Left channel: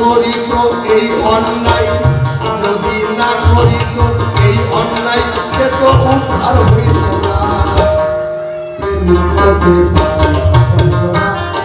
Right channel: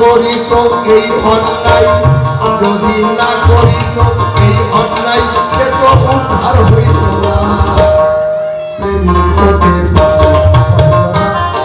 করি তো এই অন্যায়, যদি না করি তো এই অন্যায়, সে তো উদ্ধার হইল না। প্রেমিক হতে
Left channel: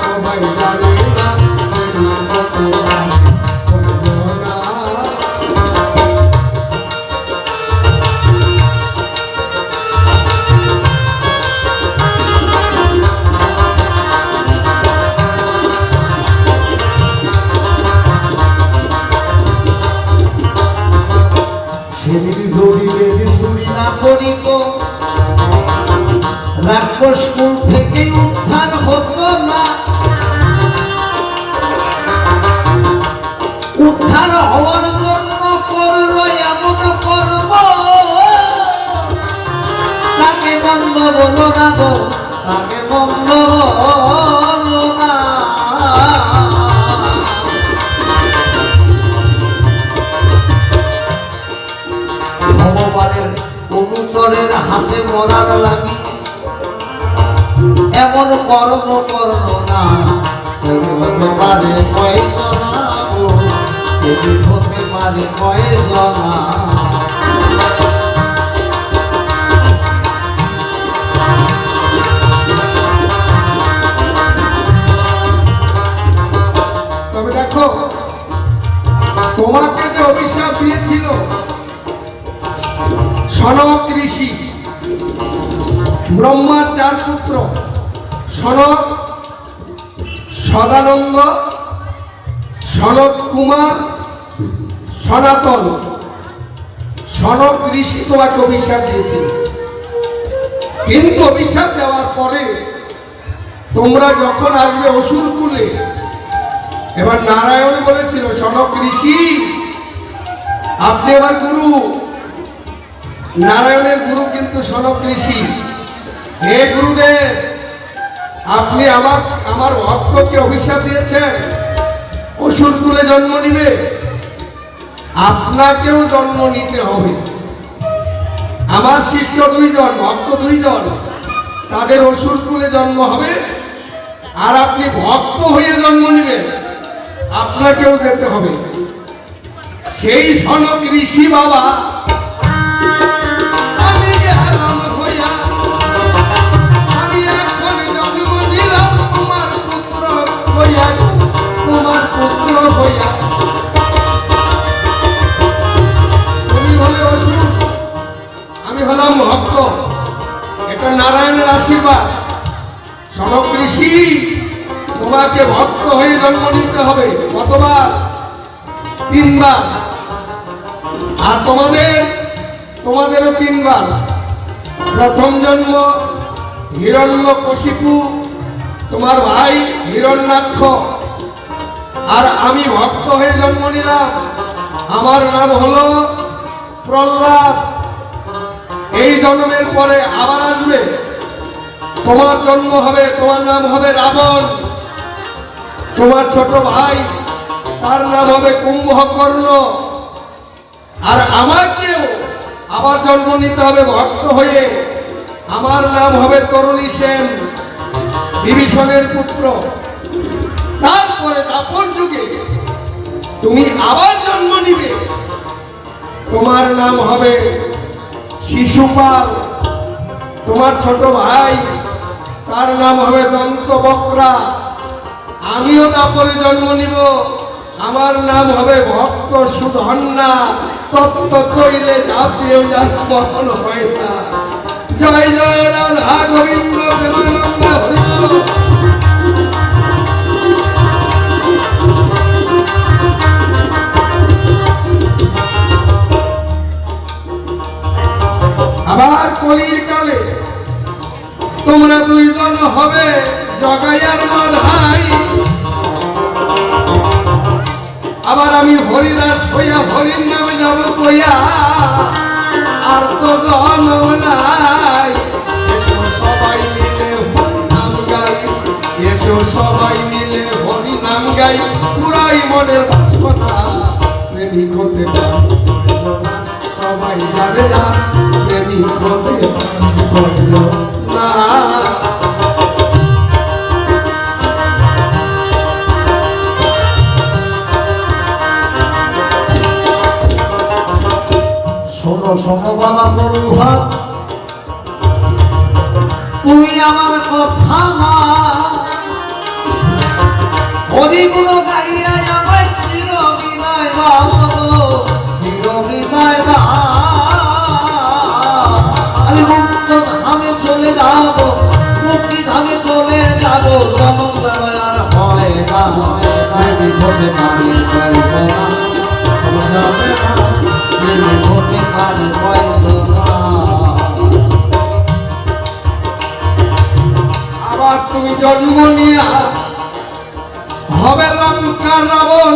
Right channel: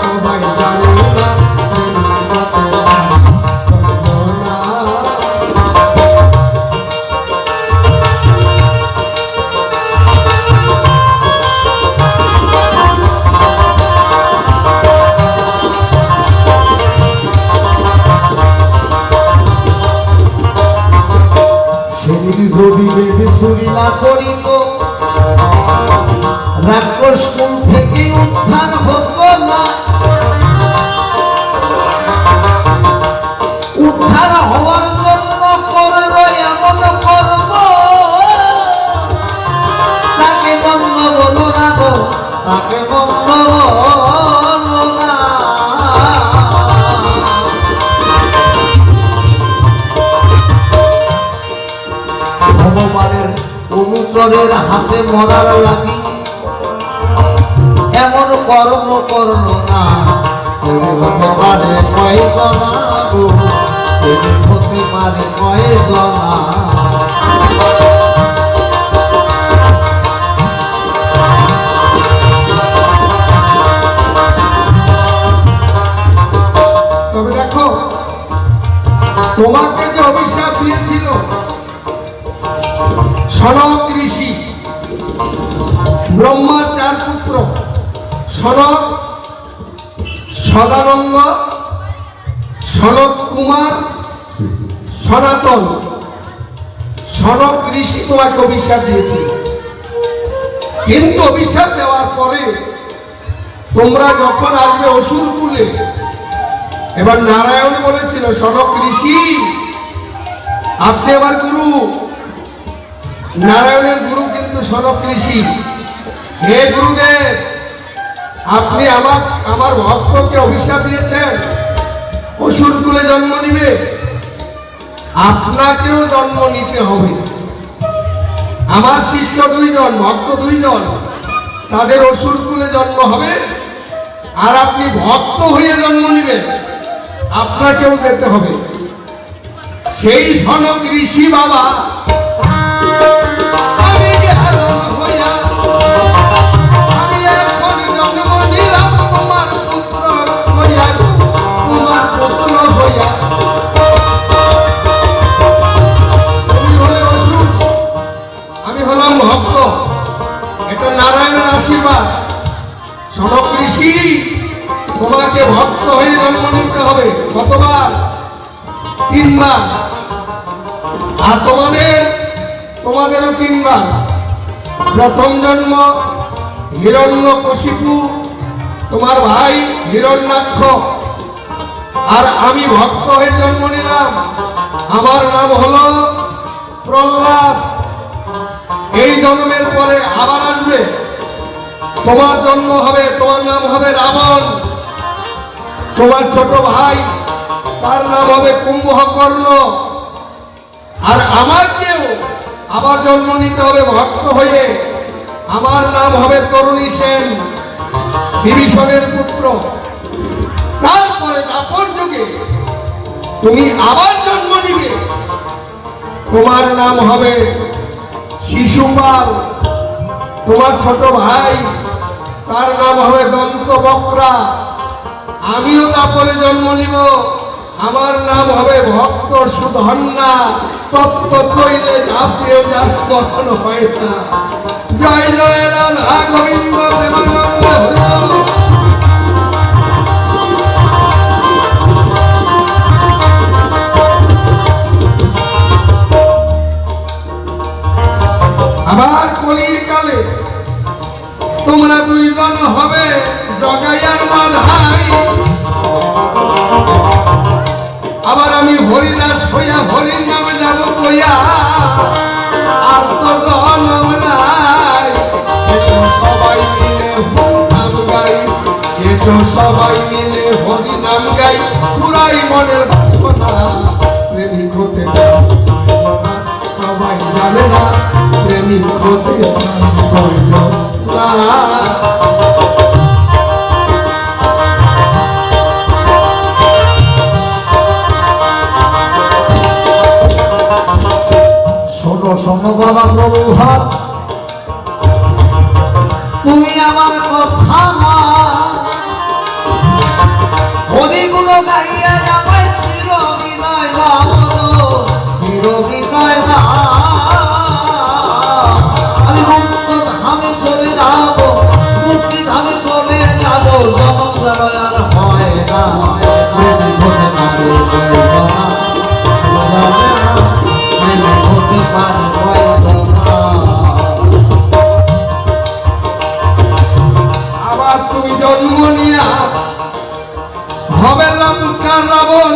সবাই জানে না, প্রেমিক হতে রাক্ষসকুল থেকে উদ্ধার হতো না। উদ্ধার হওয়ার জন্য করলো এমন কর্ম, তাকে বন্ধ বলো না গো, তাকে বন্ধ বলো না। ভগবানের অনুচরের হাতে মরার লাগি এমন কর্ম করল না। মারে কয় জনা গো, হতে মারে কয় জনা। তবে দেখো, তোমাকে যে অভিশাপ দিয়েছিল সনক ঋষি, ব্রহ্মার 4 পুত্র সনক, সদানন্দ, সনক কুমার, সনাতন, সনক ঋষি তোমাকে অভিশাপ দিয়েছিল। কিন্তু অভিশাপ দেওয়ার পরে তোমরা যখন আসবে অসুরকুলে, এবার নারায়ণ বলেছিল সনক ঋষি আপনি আমার গুরু। নারায়ণের গুরু কিন্তু সনক ঋষি। হে গুরুদেব, আপনি আমার ভক্তকে অভিশাপ দিয়েছেন অসুরকুলে জন্ম নিবে, আপনাকেও জন্ম নিতে হবে। আমার শিষ্য 2 জন, ভক্ত 2 জন, তাদের অসুরকুলে জন্ম হবে, আর আপনি ভক্ত হয়ে জন্ম নিবেন, আপনাকেও যেতে হবে। সেই সনক ঋষি বাবা ভক্ত, এটা নারায়ণের আশীর্বাদ। সনক ঋষি তোমাকে ভক্ত হয়ে জন্ম নিতে হবে। কতবার? 3 বার। আর তোমাদেরও 3 বার। প্রথম জন্ম হিরণ্যকশিপু, তোমার ভাই হিরণ্যাক্ষ, আর আমি ভক্ত হয়ে জন্ম নিলাম, আমার নাম হলো প্রহ্লাদ। এই জন্মের পরে আবার আসবে, তোমার জন্ম হবে, তোমার নাম হবে রাবণ। তোমার ছোট ভাই, তার নাম হবে কুম্ভকর্ণ। আর আমাকেও আবার জন্ম নিতে হবে ভক্ত হয়ে, আমার নাম হবে তরুণী সেন, বিভীষণের পুত্র। তারপরে দাপর যুগে তুমি আবার জন্ম নিবে, তোমার নাম হবে শিশুপাল। তোমার ছোট ভাই, তার নাম হবে দন্তবক্রা। আমিও তারপরে জন্ম নিব, আমার নাম হবে ভক্ত সুধন্যা। তত্ত্ব তৈলে ঝাঁপ দিয়ে যার মতন হয় না। জয় জয় রাধা গোবিন্দ। আবার কলিকালে তোমরা 2 জন হবে জগাই আর মাধাই। আবার আমি হরিদাস হইয়া হরির নামে যাব কইয়া, আর তো জন্ম নাই। এসো সবাই মিলে হরি নাম গাই, এসো সবাই মিলে হরি নাম গাই। পুরাই মনের বাসনা, প্রেমিক হতে সবাই জানে না, প্রেমিক হতে না। শোনো বাবা বললাম তুমি আমার কথা না হরিগুলো গাইয়ে আমার চির বিনয় না চির বিনয় না আমি মুক্ত ধামে চলে যাব মুক্তি ধামে চলে যাব জনম প্রলয় আর হয় না যদি হতে পারে হতে পারে আবার তুমি জন্ম নিয়া হবে লঙ্কার রাবণ।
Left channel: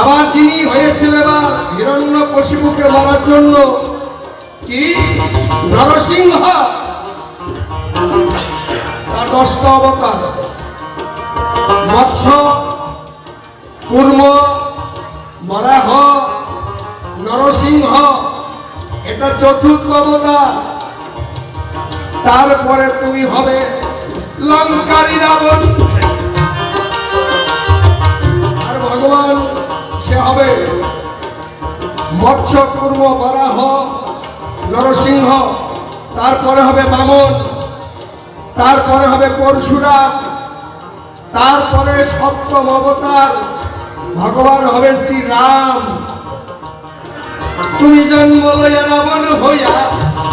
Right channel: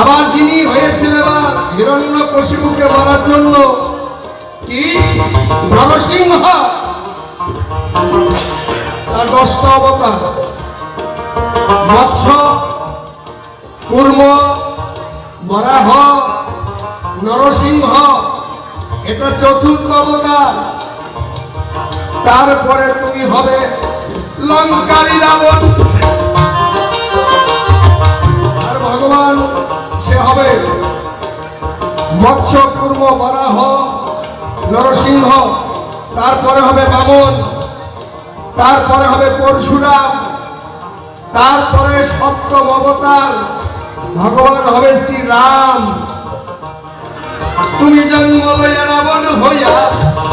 আবার যিনি হয়েছিলেন হিরণ্যকশিপুকে মারার জন্য কি নরসিংহ, তার 10টা অবতার মৎস্য কুর্ম বরাহ নরসিংহ, এটা 4র্থ অবতার। তারপরে তুমি হবে লঙ্কারী রাবণ। আর ভগবান সে হবে মৎস্য কুর্ম বরাহ নরসিংহ, তারপরে হবে বামন, তারপরে হবে পরশুরাম, তারপরে 7ম অবতার ভগবান হবে শ্রীরাম। তুমি জন্ম লইয়া রাবণ হইয়া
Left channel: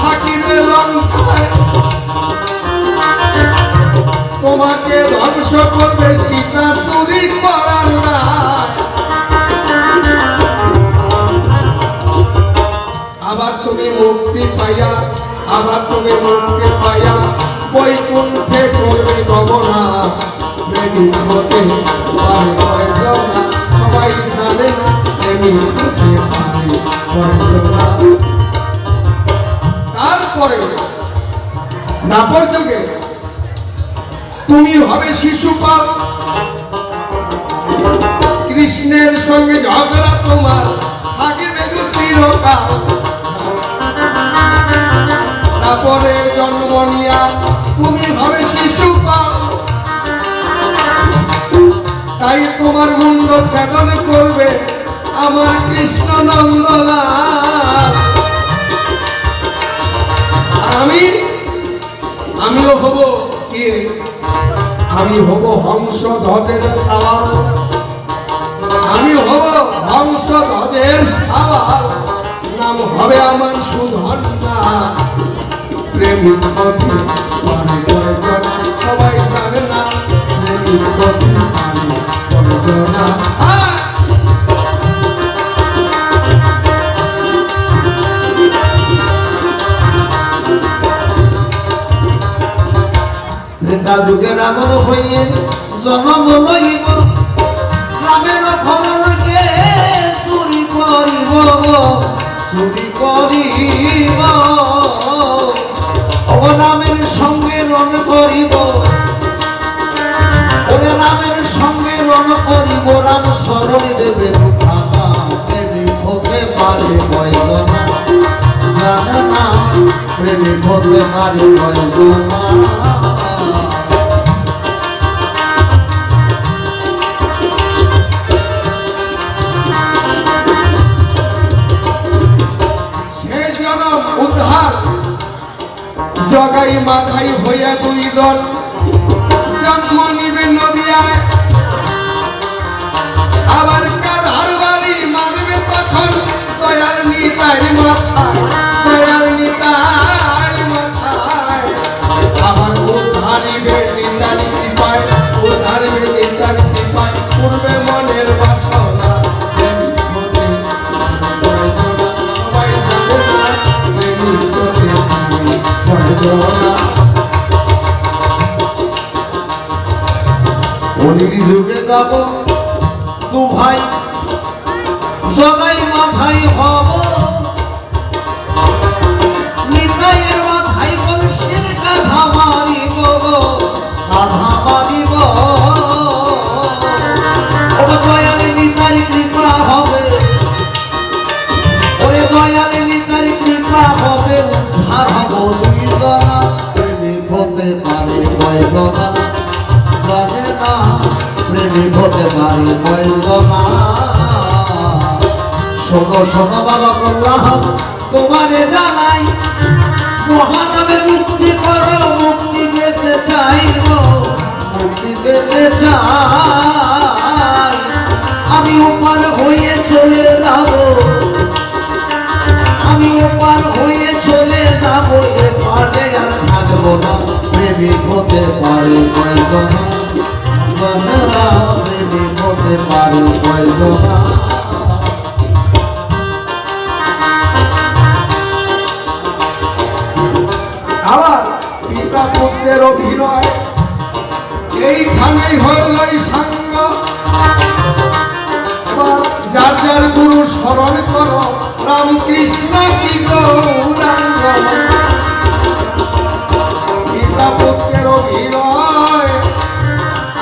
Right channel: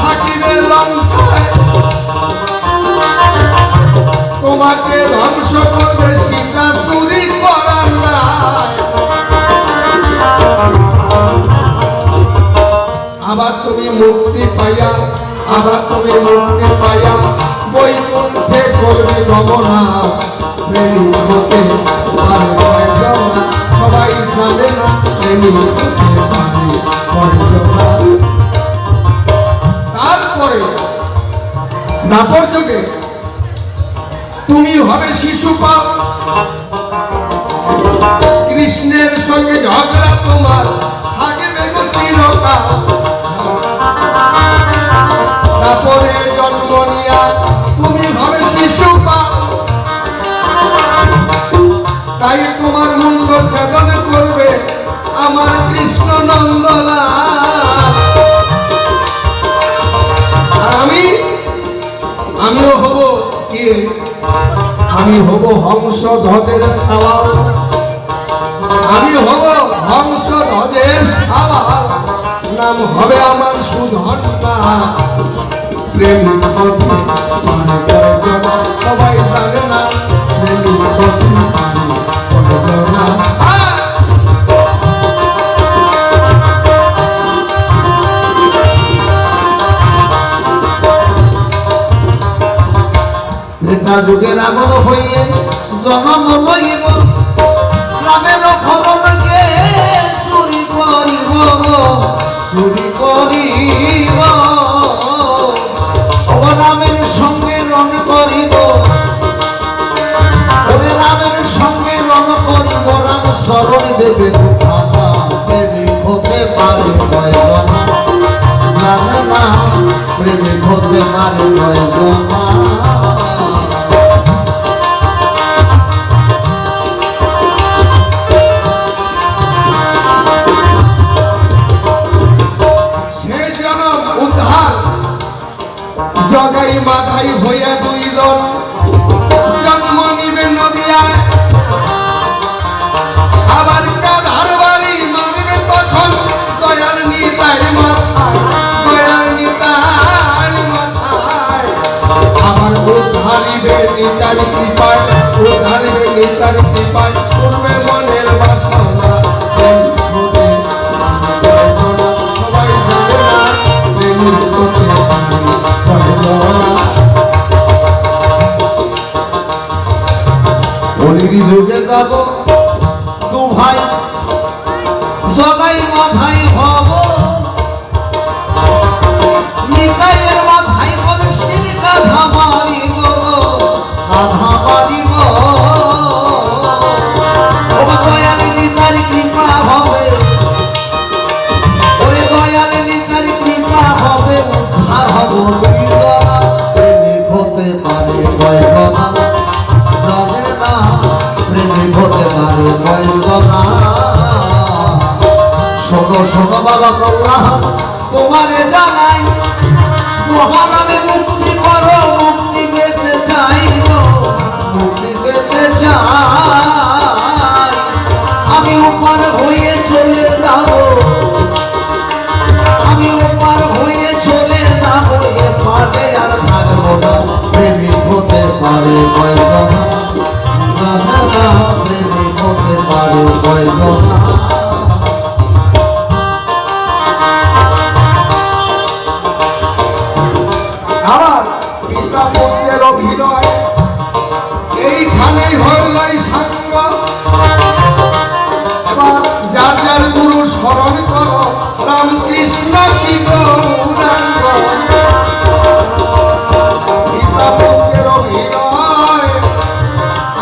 থাকিবে লঙ্কায়, তোমাকে ধ্বংস করবে সীতা চুরি করার রায়। আবার তুমি মুক্তি পাইয়া, আবার তুমি মুক্তি পাইয়া বৈকুণ্ঠে করবে গমনা। প্রেমিক হতে পারে না, সবাই জানে না প্রেমিক হতে পারে। তারপরে নাপর যুগে তুমি হবে শিশুপাল, কৃষ্ণের সঙ্গে ঝগড়া তোমার থাকবে চিরকাল। তারপরে জন্ম নিয়া তুমি হবে শিশুপাল, তাই তোমার মুন্ড ছেদন করবে আমার কৃষ্ণ নন্দলাল। আর আমিও হব কি, আমি হব হংস ধ্বজের সাওয়াল, আমি হব হংস ধ্বজের সাওয়াল। নাম হবে আমার সুধন্যা। প্রেমিক হতে সবাই জানে না প্রেমিক হতে না। ত্রেতা যুগের আগত হইয়ে জনম লইব গ্রামের ফলকে চুরি করিব, চুরি করিব রামের সঙ্গে রণ করিব, ওরে রামের সঙ্গে রণ করিব। রাম শরণ দেবে কথা প্রেমিক হতে পারে কয়জনা, জানে না প্রেমিক হতে পারে কয়জনা। জগাই মাথায় হইয়া 2 জন জন্ম নিবে নদিয়ায়। আবার কাধার বাড়ি মারবে তখন দয়াল নিতাই মাথায়, দয়াল নিতাই মাথায়। আমার উদ্ধারিবে নিচারি পায়, উদ্ধারিবে নিচারি পায়, করবে মনের বাসনা। সবাই জানে না প্রেমিক হতে অনিদি যুগে যাব 2 ভাই জগাই মাথায় হব, নিতাইয়ের মাথায় কলসির কাঁধা মারিব, কাঁধা মারিব। ওরে দয়াল নিতাই কৃপা হবে, ওরে দয়াল নিতাই কৃপা হবে। উদ্ধার হব 2 জনা, প্রেমিক হতে পারে কয়জনা, জানে না প্রেমিক হতে পারে কয়জনা। শোনো শোনো বাবা কল্যাণ কইল না জানে না প্রেমিক হতে পারে কইল না আবার পিতা পুত্রের অভিনয় এইখানেই হইলাই সাঙ্গ এবার যার যার গুরু স্মরণ করো রামকৃষ্ণ কি গৌরাঙ্গ পিতা পুত্রের অভিনয়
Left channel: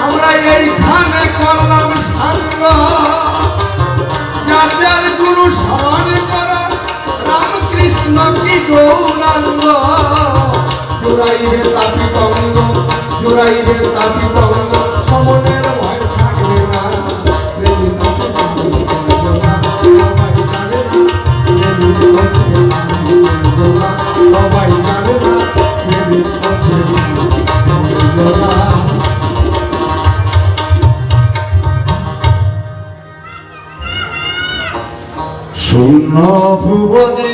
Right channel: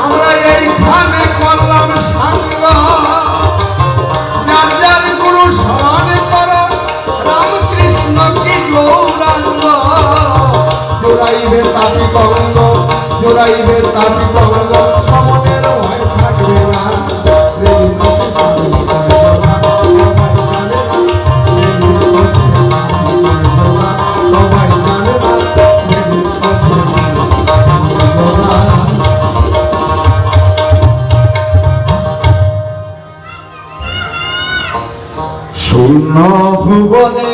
আমরা এইখানে করলাম সাঙ্গ যার যার গুরু স্মরণ করো রামকৃষ্ণ কি গৌরাঙ্গ জোড়াইবে তাপি তরঙ্গ জোড়াইবে তাপি তরঙ্গ সমনের ভয় থাকবে না প্রেমিক হতে পারে সবাই জানে না প্রেমিক হতে পারে না শূন্য ভুবনে